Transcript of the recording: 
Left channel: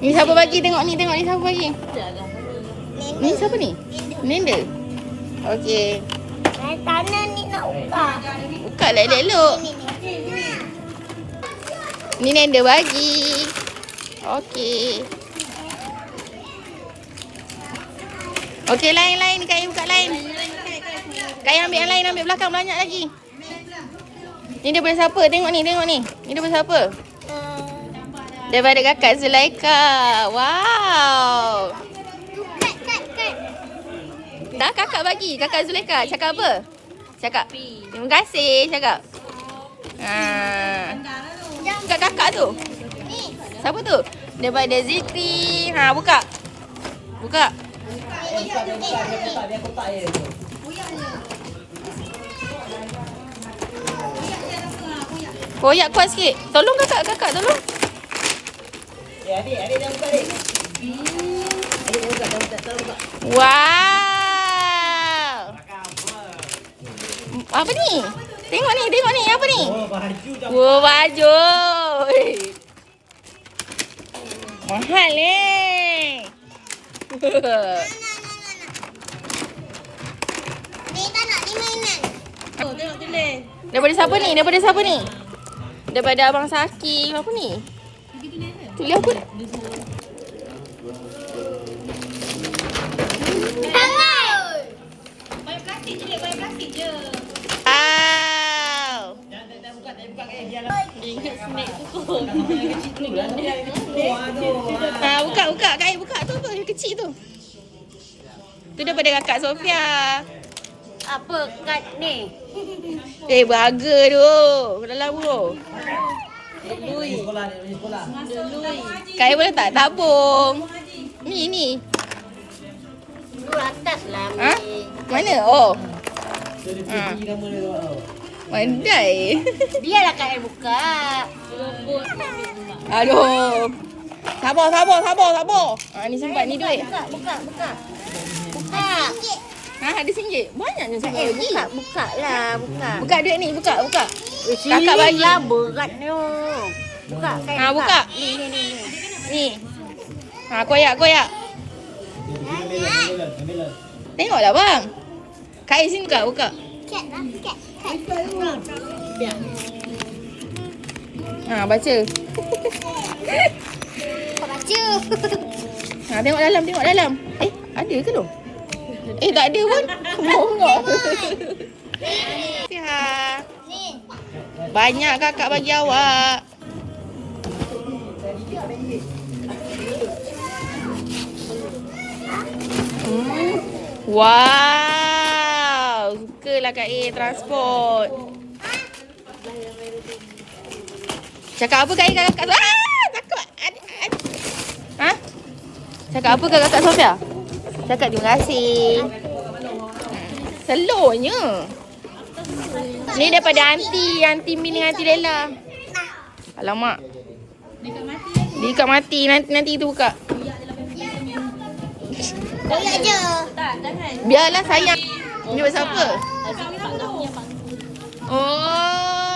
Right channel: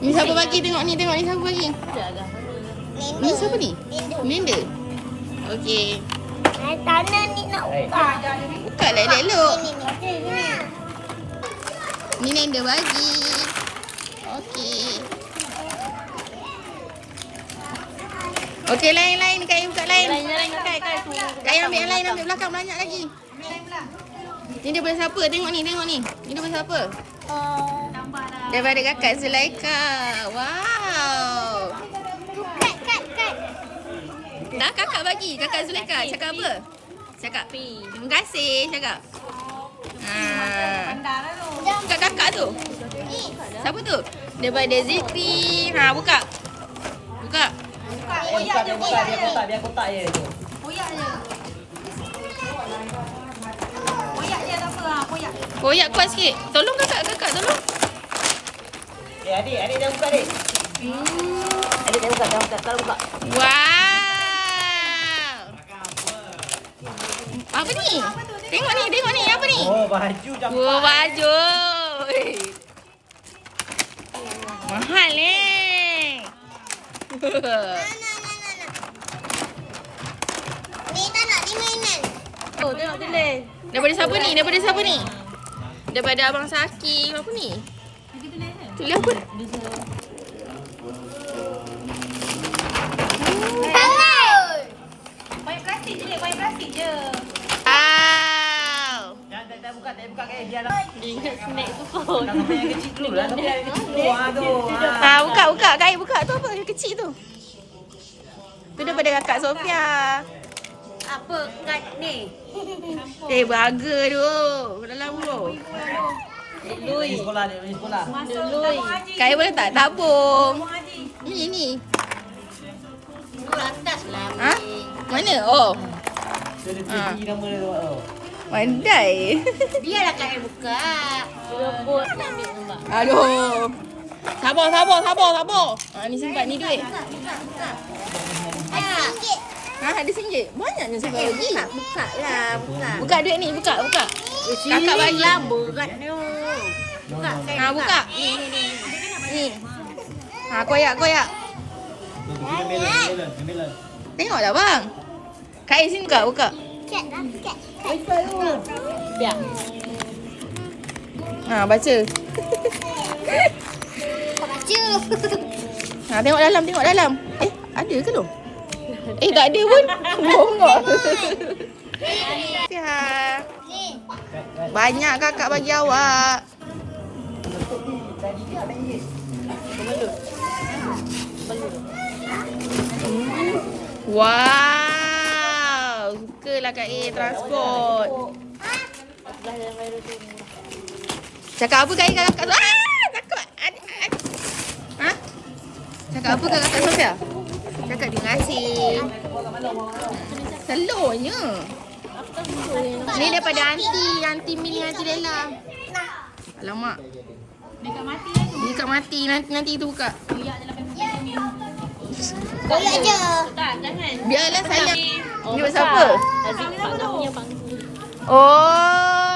Ni siapa bagi? Tengok ni siapa bagi. Ni siapa ni? Linda. Okey. Tanah ni nak buka. Buka lah elok-elok. Ni Linda bagi. Okey. Okey, lain. Kak buka lain. Kak ambil yang lain, ambil belakang banyak lagi. Ni daripada siapa? Tengok ni. Ni daripada siapa? Daripada kakak Zulaika. Wow. Kat. Dah kakak bagi. Kakak Zulaika. Cakap apa? Cakap. Terima kasih. Cakap. Buka kakak tu. Ni. Siapa tu? Daripada Zikri. Buka. Buka dia kotak je tu. Koyak kuat sikit. Tolong kakak tolong. Adik jangan buka adik. Adik jangan buka, tolong buka. Wow. Apa ni? Tengok ni. Apa ni? Oh, baju dah. Oh, baju. Mahal ni. Ni tak nak ni mainan. Oh, tengok tulis. Daripada siapa ni? Daripada Abang Saki. Apa ni? Tulis apa? Main plastik je. Wow. Tak buka biar lah. Kecil dulu lah. Buka. Kak buka. Tu apa? Yang kecil tu. Tu daripada kakak Sofia. Apa kat ni? Berharga tu. Dalam tu. Pergi sekolah. Kak boleh tak tabung? Ni. Dulu atas lah. Ha? Mana? Oh. Dia tinggi nama dia tu. Pandai. Biarlah Kak yang buka. Aduh. Sabar. Ni simpan ni duit. Buka. Ada RM1. Banyaknya sampai lagi. Buka lah. Buka duit ni, buka. Kakak bagi. lah berat ni. Buka. Buka. Ni. Koyak. Ambil. Tengoklah bang. Kak sini buka. Kat. Biar. Baca. Baca. Tengok dalam. Ada ke tu? Tak ada pun. Bongok. Ni. Banyak kakak bagi awak. Wow. Sukalah Kak A transport. Cakap apa Kak A kakak tu? Takut. Cakap apa kakak Sofia? Cakap terima kasih. Selornya. Ni daripada Aunty Mini, Aunty Lela. Alamak. Dekat mati. Nanti tu buka. Koyak je. Biarlah sayang. Ni pasal apa? Oh.